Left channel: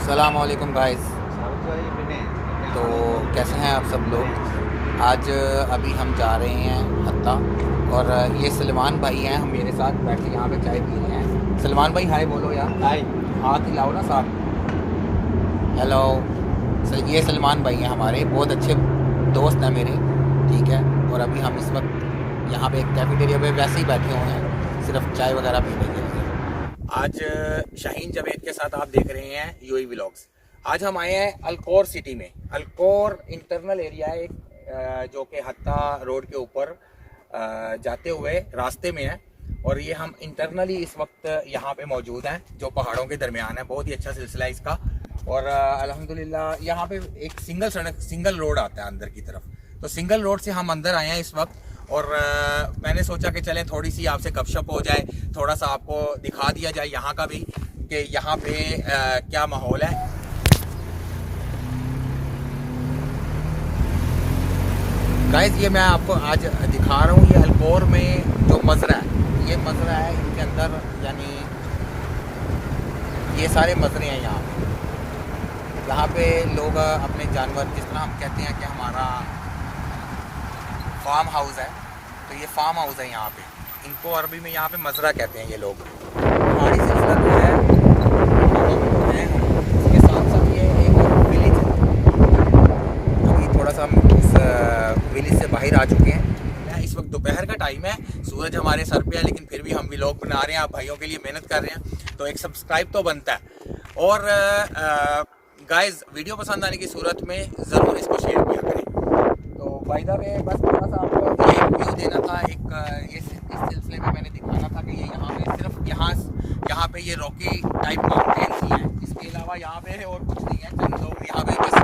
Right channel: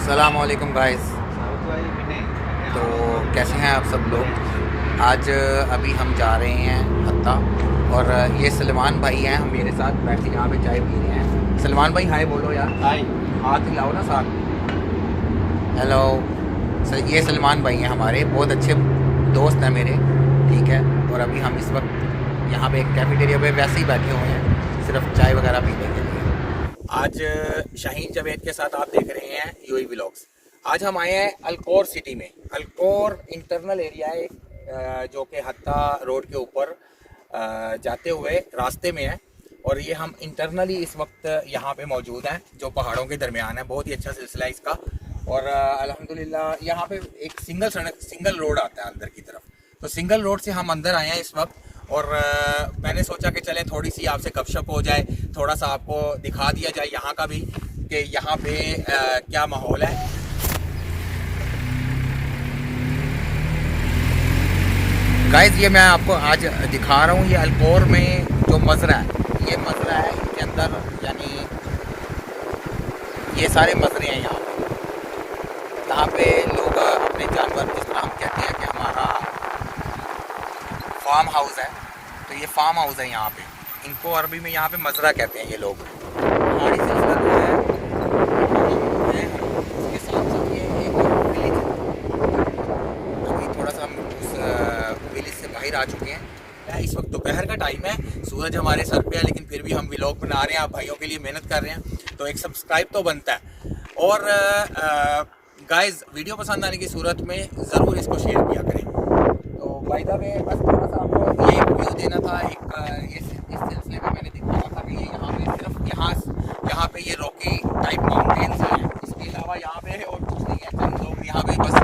अस्सलामुअलैकुम गाइस। तो कैसे हैं आप सब लोग। आज अभी हम जा रहे हैं हत्ता और ये सलमान भाई हैं, हम मेरे साथ बैठे यहाँ पे चाय पी रहे हैं। सलमान भाई हाय बोलो यार। हाय। हाथ हिलाओ ना साथ। हेलो सर, ये सलमान भाई हैं हमारे बहुत अच्छे दोस्त हैं मेरे, ठीक है। और अभी हम इस वक्त यहाँ पे एक कैफेटेरिया पे वैसे ही बैठे हुए हैं, सिर्फ चाय वगैरह पीने के लिए। आज शाहीन जवेद के साथ आप देख रहे हैं यूएई व्लॉग्स। आज हम आए हैं अल कौर सिटी में। अल कौर इंटरनल एरिया है जो कि हत्ता रोड के ऊपर जाते हुए रास्ते में है। और ये हम इंटरनली इस वक्त यहाँ पे मौजूद हैं जो पहाड़ों के दरमियान है। बहुत ही अच्छा सिलसिला है इसका। और अल्हम्दुलिल्लाह यहाँ पे एक सिंगल रोड आता है अंदर की तरफ। तो सिंगल रोड से हम अंदर आए हैं इस वक्त। और मैंने सोचा कि चलें थोड़ी सी आपसे गपशप हो जाए, थोड़ा सा आपको दिखा दिया जाए यहाँ का भी कि यहाँ पे क्या माहौल है। गाइस ये मैं आपको आज दिखा रहा हूँ, ये अल कौर में जो मज़रा है, ये मज़रा है, इसके अंदर यानी ये सारे मज़रे हैं यहाँ पे लोग अपने जानवर, जिस तरह हम कहते हैं कि हमारा फार्म हाउस है, तो ये फार्म हाउस है यहाँ पे। इनको अरबी में यहाँ पे मज़रा कहते हैं ये लोग। पहाड़ी सिलसिला जो है इसके साथ साथ ये एक विलेज है। अभी थोड़ा सा हम इस विलेज से बाहर आ चुके हैं। इस वक्त दोपहर का टाइम है, सूरज हमारे सर पे है, लेकिन फिर भी हम व्लॉग बना रहे हैं, आप भाइयों के लिए मेहनत कर रहे हैं, तो एक सब्सक्राइब तो बनता है। और गाइस वीडियो पसंद आने की सूरत में ज़रूर इसको शेयर किया करें। तो बाय द वे बस थोड़ा सा आपको ये व्यू देना था, एक इस सिलसिले में मैंने दिखाना था कि ये यहाँ पे सिर्फ यहाँ पे ये रॉकी टाइप माउंटेन्स हैं, इसके अलावा यहाँ पे और कुछ नहीं है। तो लोग यहाँ पे बस